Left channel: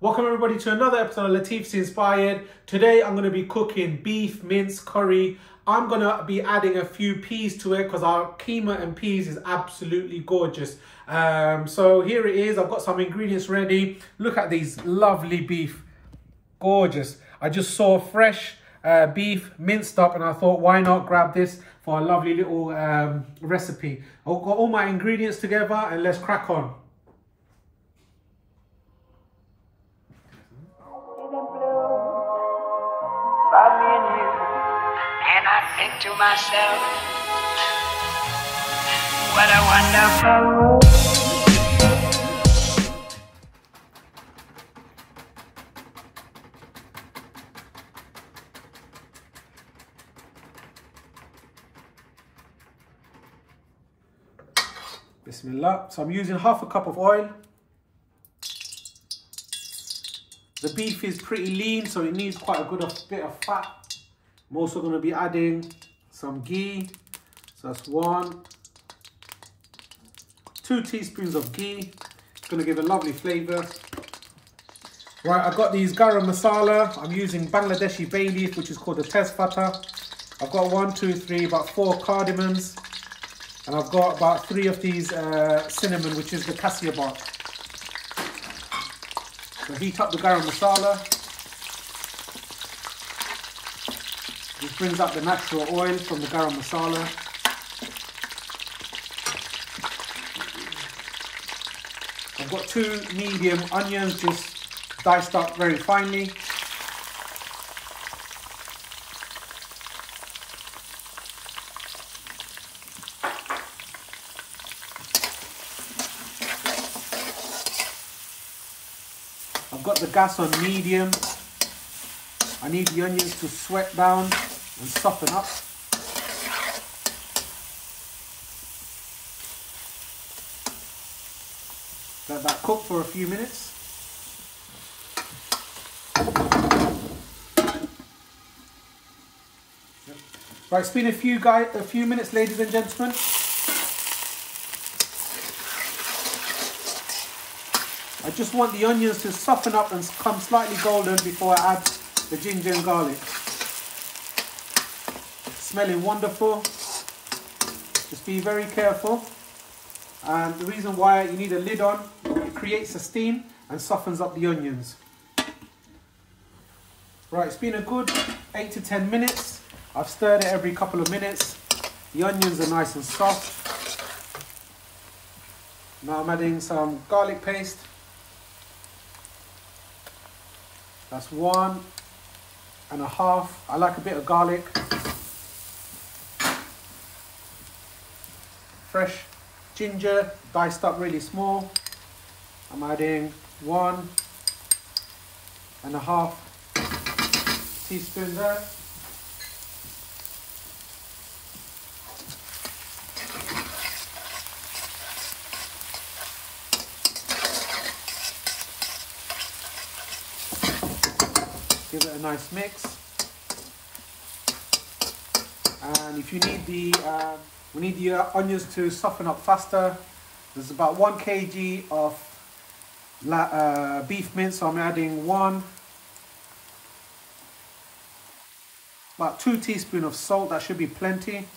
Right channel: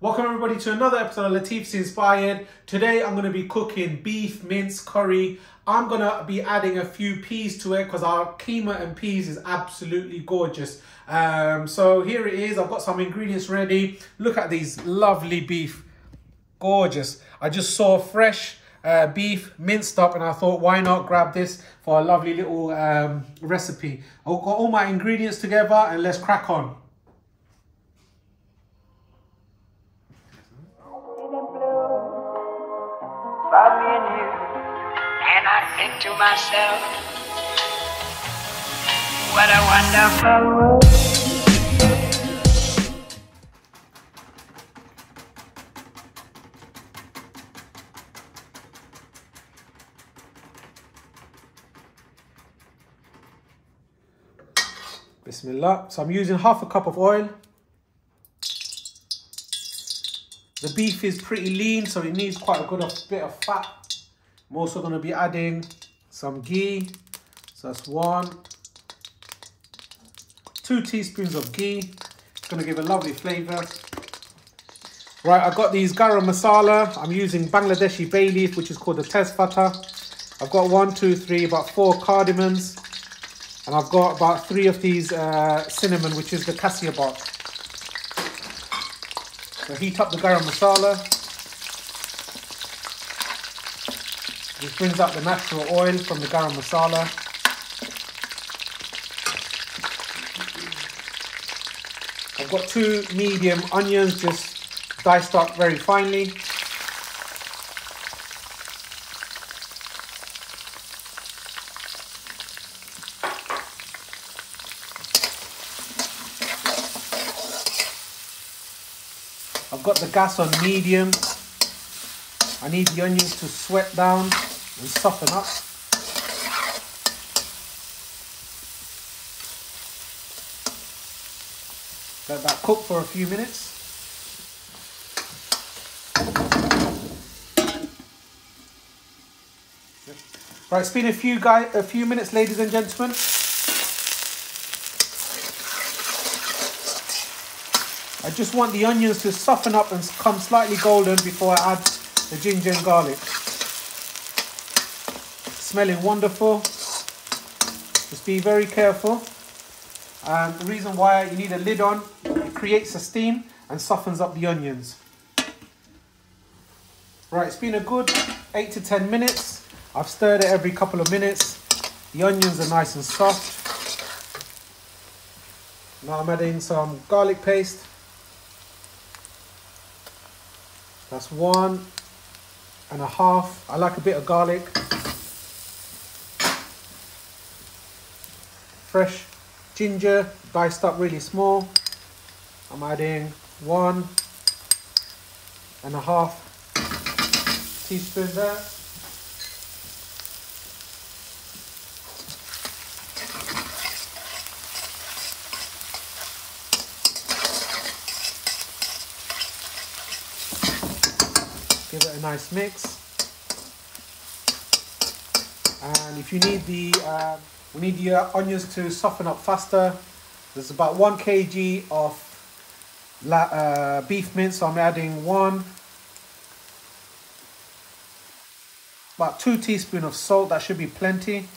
Welcome everybody to another episode of Latif's Inspired. Today I'm going to be cooking beef mince curry. I'm going to be adding a few peas to it because our keema and peas is absolutely gorgeous. So here it is. I've got some ingredients ready. Look at these lovely beef. Gorgeous. I just saw fresh beef minced up and I thought, why not grab this for a lovely little recipe. I've got all my ingredients together and let's crack on. About me and you, and I think to myself, what a wonderful world. Bismillah. So I'm using half a cup of oil. The beef is pretty lean, so it needs quite a good bit of fat. I'm also going to be adding some ghee. So that's 2 teaspoons of ghee. It's going to give a lovely flavour. Right, I've got these garam masala. I'm using Bangladeshi bay leaf, which is called the tezpata. I've got about 4 cardimons. And I've got about 3 of these cinnamon, which is the CASIA bark. So heat up the garam masala. This brings out the natural oil from the garam masala. I've got 2 medium onions just diced up very finely. I've got the gas on medium. I need the onions to sweat down and soften up. Let that cook for a few minutes. Right, it's been a few minutes, ladies and gentlemen. I just want the onions to soften up and come slightly golden before I add the ginger and garlic. Smelling wonderful. Just be very careful. And the reason why you need a lid on, it creates a steam and softens up the onions. Right, it's been a good 8 to 10 minutes. I've stirred it every couple of minutes. The onions are nice and soft. Now I'm adding some garlic paste. That's 1.5. I like a bit of garlic. Fresh ginger, diced up really small. I'm adding 1.5 teaspoons there. Give it a nice mix. And if you need we need the onions to soften up faster. There's about 1 kg of beef mince, so I'm adding about 2 teaspoons of salt. That should be plenty.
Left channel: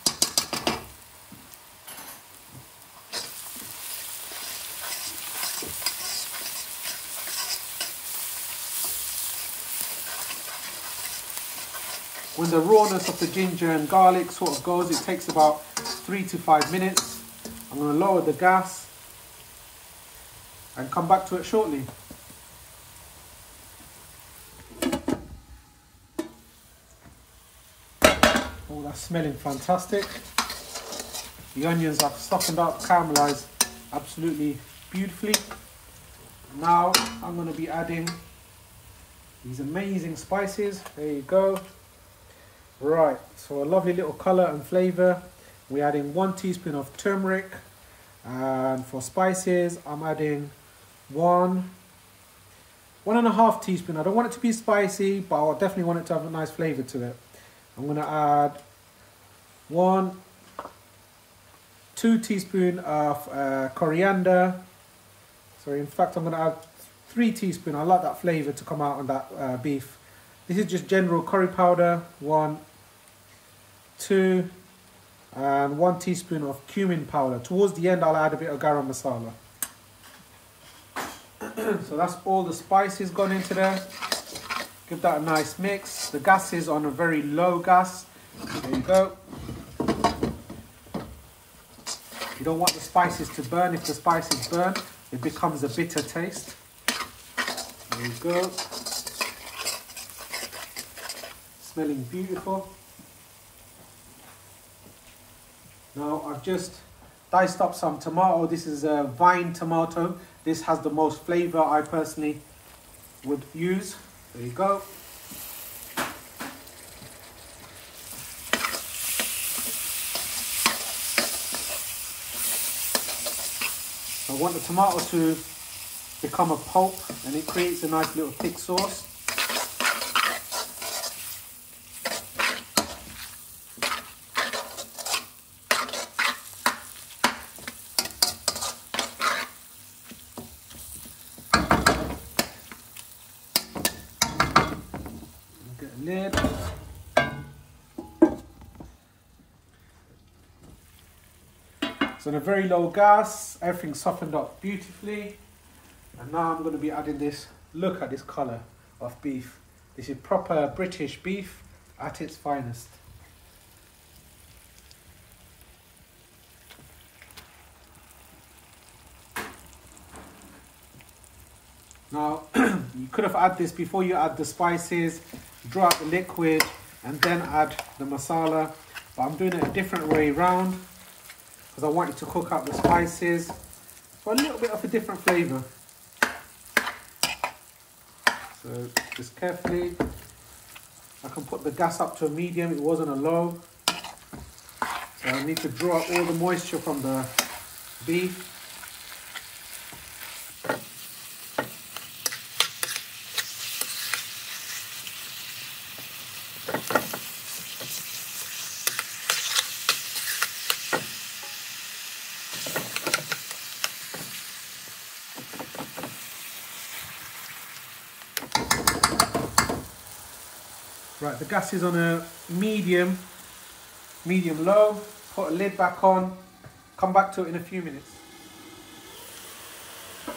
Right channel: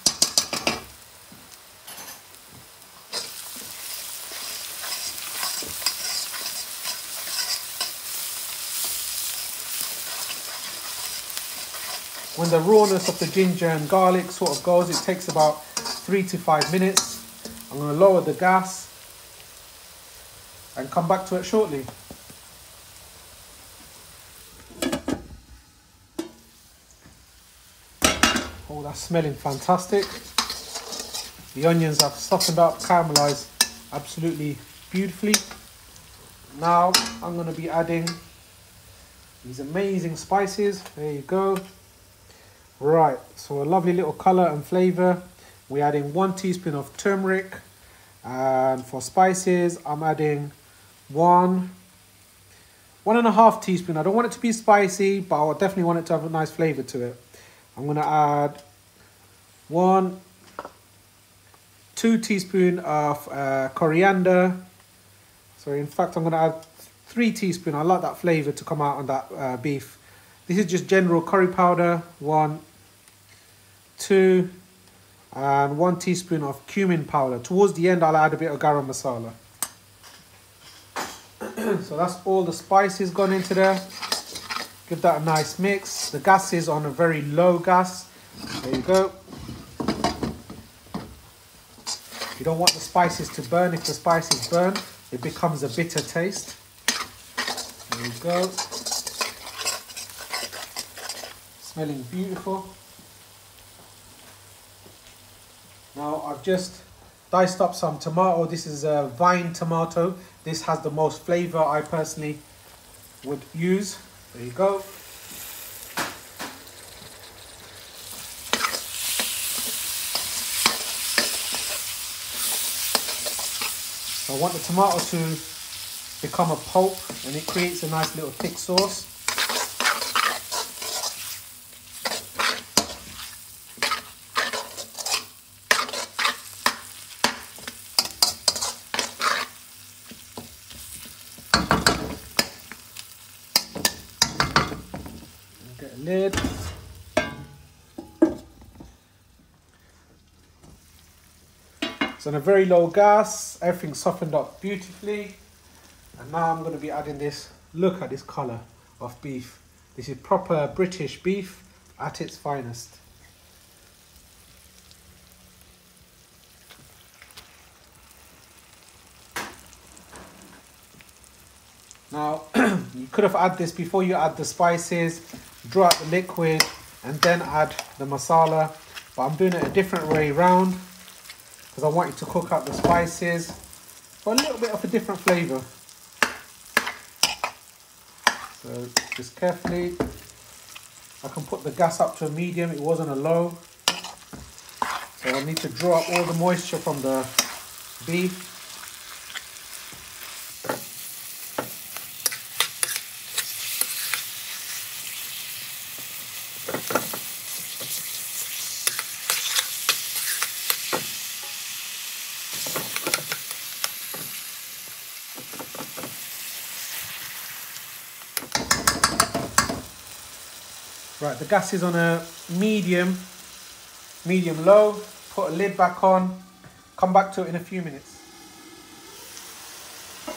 When the rawness of the ginger and garlic sort of goes, it takes about 3 to 5 minutes. I'm going to lower the gas and come back to it shortly. Oh, that's smelling fantastic. The onions have softened up, caramelized absolutely beautifully. Now I'm going to be adding these amazing spices. There you go. Right, so a lovely little colour and flavour. We're adding 1 teaspoon of turmeric. And for spices, I'm adding 1.5 teaspoon. I don't want it to be spicy, but I definitely want it to have a nice flavour to it. I'm going to add 2 teaspoons of coriander. So in fact, I'm going to add 3 teaspoons. I like that flavour to come out on that beef. This is just general curry powder. 1, 2, and 1 teaspoon of cumin powder. Towards the end, I'll add a bit of garam masala. So that's all the spices gone into there. Give that a nice mix. The gas is on a very low gas. There you go. You don't want the spices to burn. If the spices burn, it becomes a bitter taste. There you go. Smelling beautiful. Now I've just diced up some tomato. This is a vine tomato. This has the most flavour I personally would use. There you go. I want the tomato to become a pulp, and it creates a nice little thick sauce. Get a lid. It's on a very low gas, everything softened up beautifully. And now I'm going to be adding this. Look at this colour of beef. This is proper British beef at its finest. Now, you could have added this before you add the spices, draw out the liquid, and then add the masala. But I'm doing it a different way round, because I want it to cook up the spices for a little bit of a different flavour. So just carefully, I can put the gas up to a medium, it wasn't a low. So I need to draw out all the moisture from the beef. Right, the gas is on a medium low. Put a lid back on. Come back to it in a few minutes.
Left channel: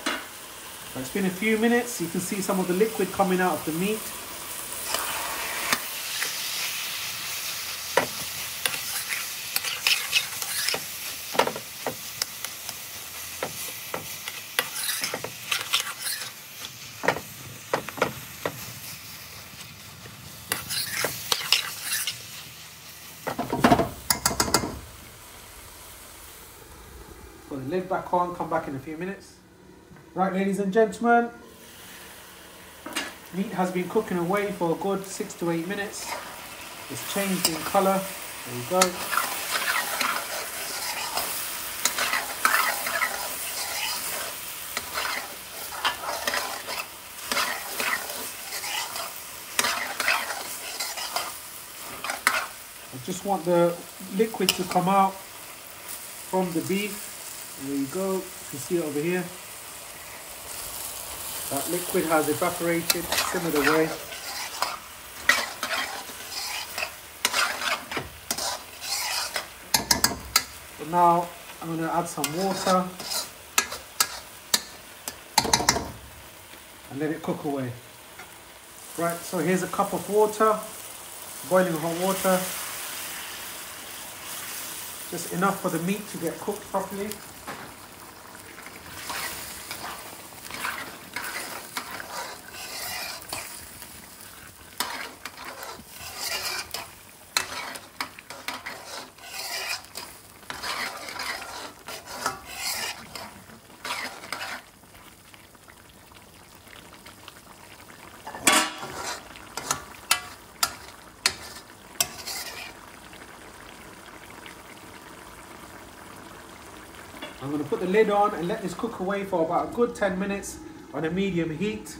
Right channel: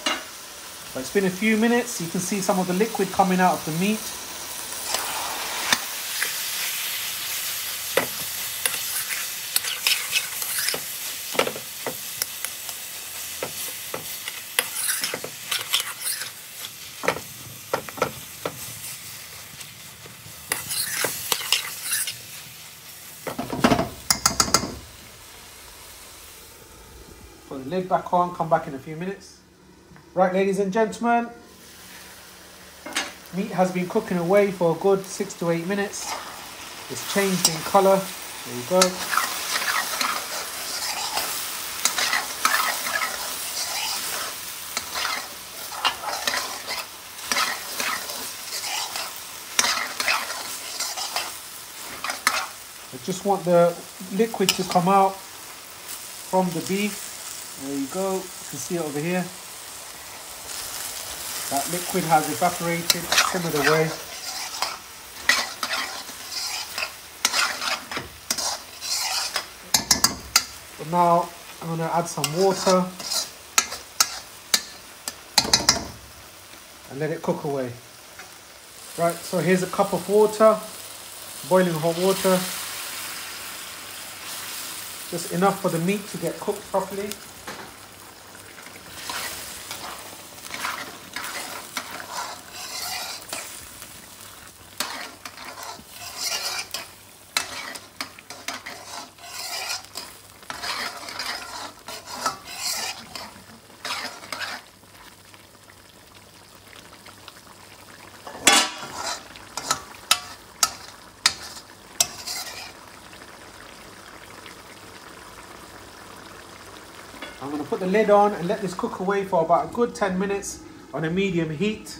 So it's been a few minutes. You can see some of the liquid coming out of the meat. Put the lid back on, come back in a few minutes. Right, ladies and gentlemen, meat has been cooking away for a good 6 to 8 minutes. It's changed in colour. There you go. I just want the liquid to come out from the beef. There you go. You can see it over here. That liquid has evaporated, simmered away. So now I'm going to add some water and let it cook away. Right, so here's a cup of water, boiling hot water. Just enough for the meat to get cooked properly. I'm going to put the lid on and let this cook away for about a good 10 minutes on a medium heat,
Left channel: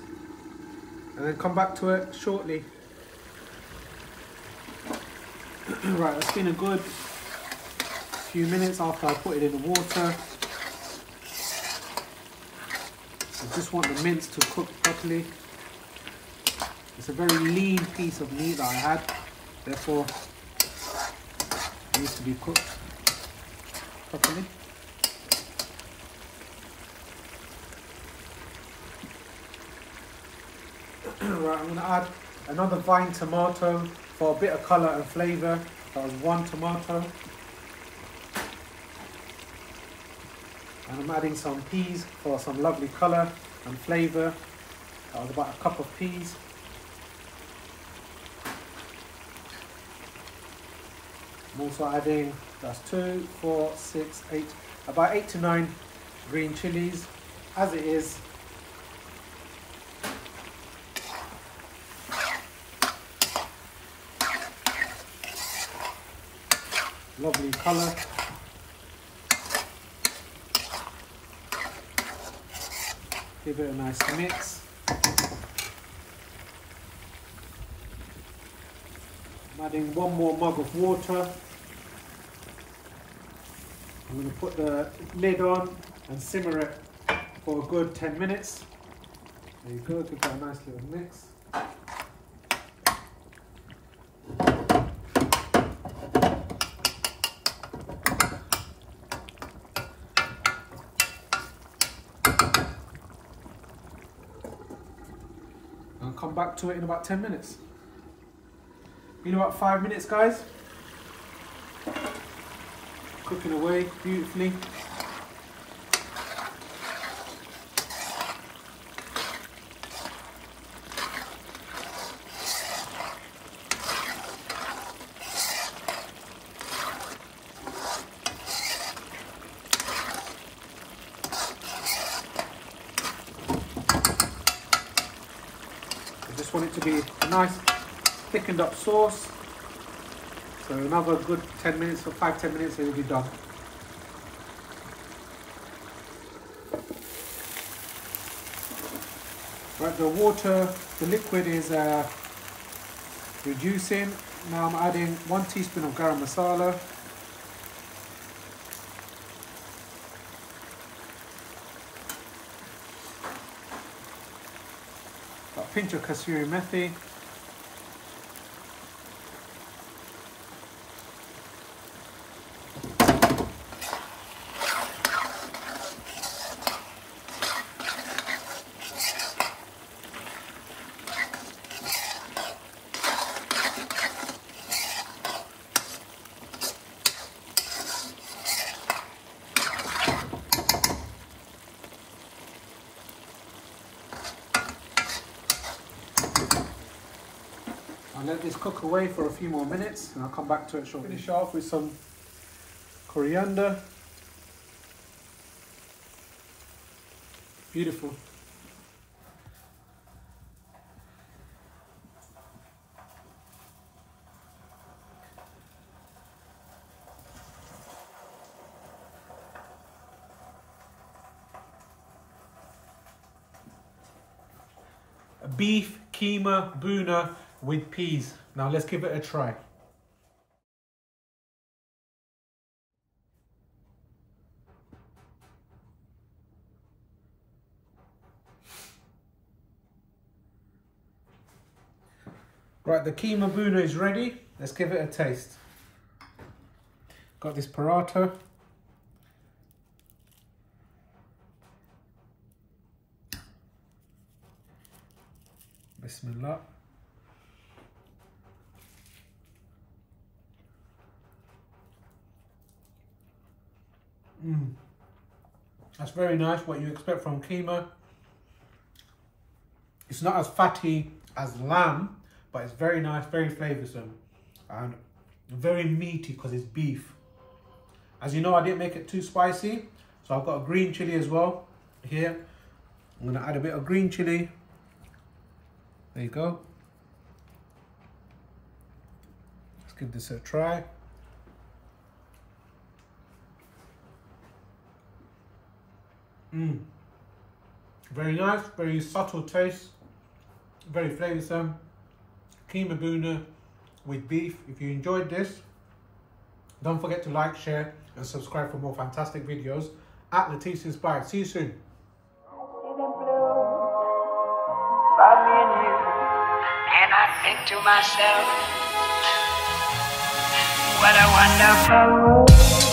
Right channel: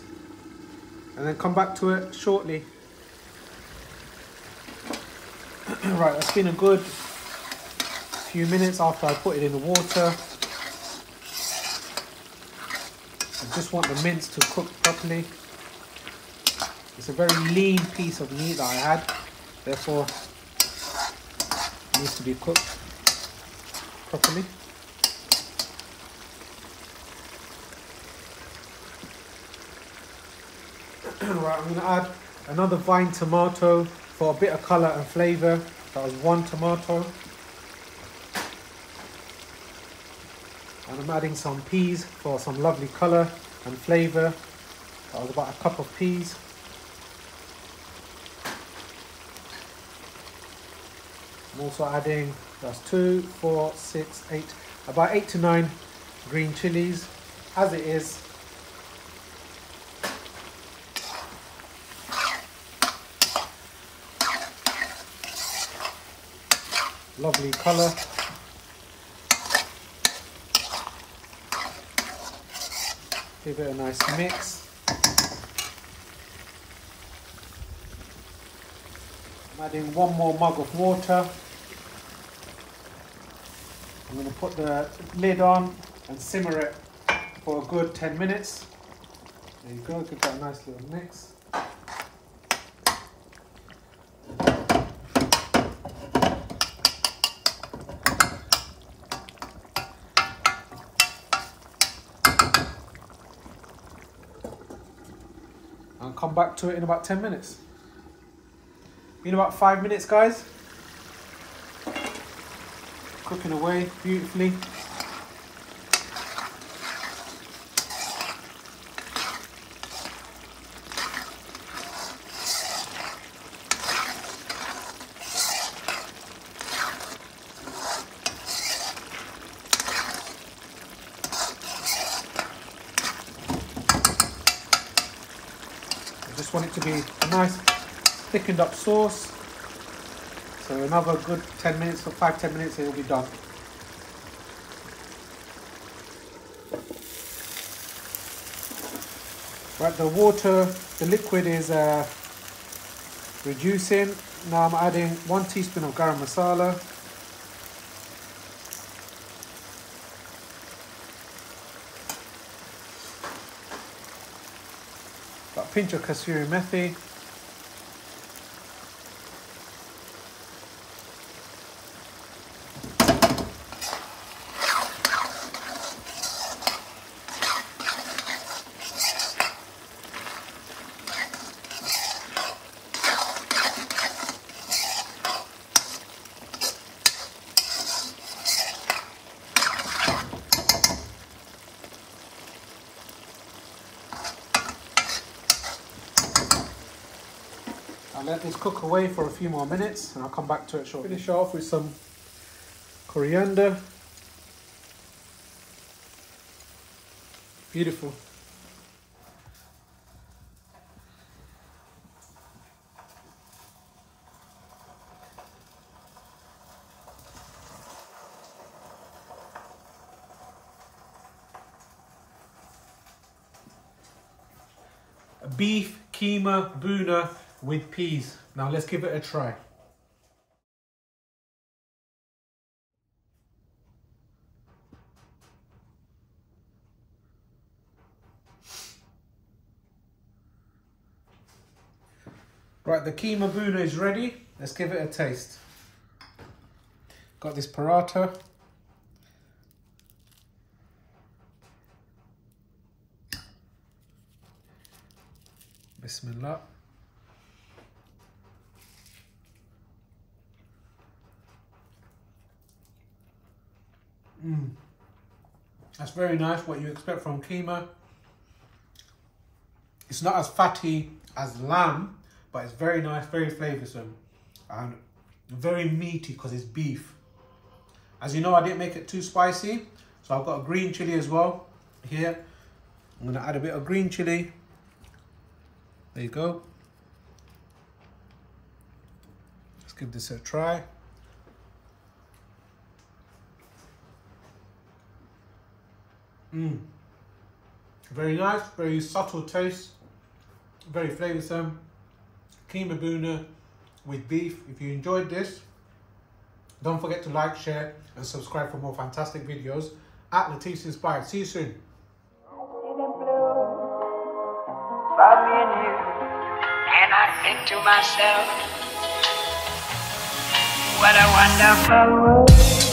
and then come back to it shortly. Right, it's been a good few minutes after I put it in the water. You just want the mince to cook properly. It's a very lean piece of meat that I had, therefore it needs to be cooked properly. Right, I'm going to add another vine tomato for a bit of colour and flavour. That was 1 tomato. And I'm adding some peas for some lovely colour and flavour. That was about a cup of peas. I'm also adding, that's 2, 4, 6, 8, about 8 to 9 green chilies, as it is. Lovely colour. Give it a nice mix. I'm adding 1 more mug of water. I'm going to put the lid on and simmer it for a good 10 minutes. There you go, give that a nice little mix. I'll come back to it in about 10 minutes. In about 5 minutes, guys. Cooking away beautifully. I just want it to be a nice thickened up sauce. So another good 10 minutes, for 5-10 minutes, it will be done. Right, the water, the liquid is reducing. Now I'm adding 1 teaspoon of garam masala. Got a pinch of kasuri methi. Let this cook away for a few more minutes and I'll come back to it shortly. Finish off with some coriander. Beautiful. Beef keema boona with peas. Now let's give it a try. Right, the keema boona is ready. Let's give it a taste. Got this paratha. Bismillah. That's very nice, what you expect from keema. It's not as fatty as lamb, but it's very nice, very flavoursome, and very meaty because it's beef. As you know, I didn't make it too spicy, so I've got a green chilli as well here. I'm going to add a bit of green chilli. There you go. Let's give this a try. Very nice, very subtle taste, very flavoursome. Keema boona with beef. If you enjoyed this, don't forget to like, share and subscribe for more fantastic videos at Latif's Inspired. See you soon. about me and you. And I think to myself, what a wonderful world.